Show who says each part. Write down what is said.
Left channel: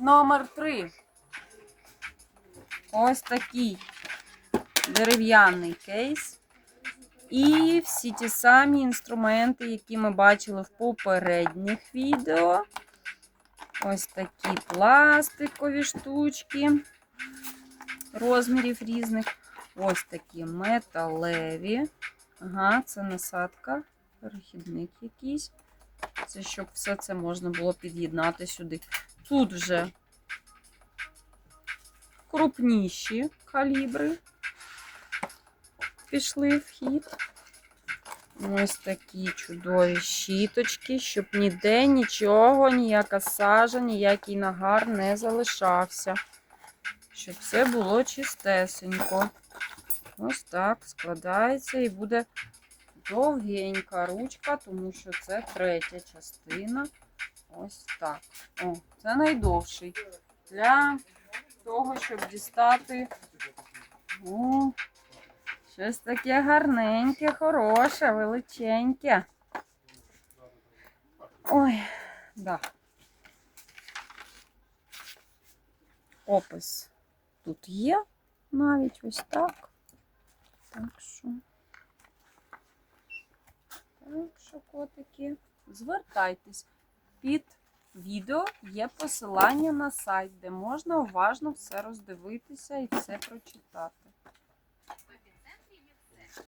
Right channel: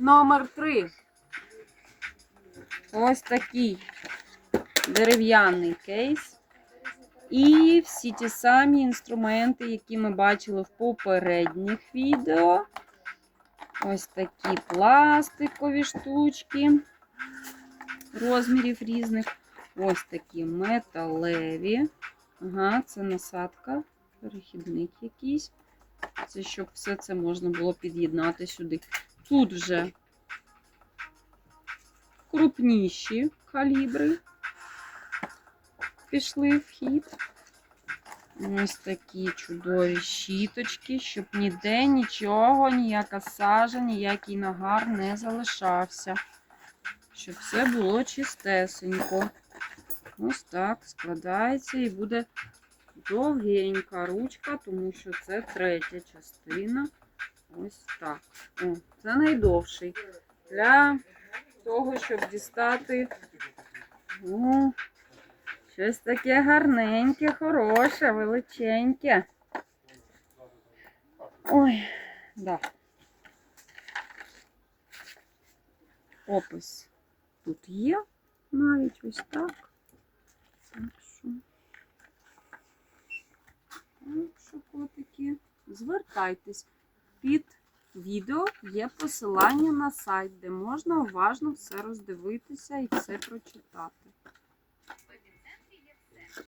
Speaker 1: Номер 3. Ось такий дерев'яний кейс. І всі ті самі інструменти, які ми бачили в попередніх відео. Ось такі пластикові штучки розмірів різних. Ось такі металеві. Ага, це насадка, перехідник якийсь. Це щоб все це можна було під'єднати сюди. Тут вже крупніші калібри пішли в хід. Ось такі чудові щіточки, щоб ніде нічого, ніяка сажа, ніякий нагар не залишався. Щоб все було чистесенько. Ось так складається і буде довгенька ручка, тому що це третя частина. Ось так. О, це найдовший. Для того, щоб дістати о, щось таке гарненьке, хороше, величеньке. Ой, да. Опис тут є навіть ось так. Так що, так що котики, звертайтесь. Під відео є посилання на сайт, де можна уважно все роздивитися і все прочитати.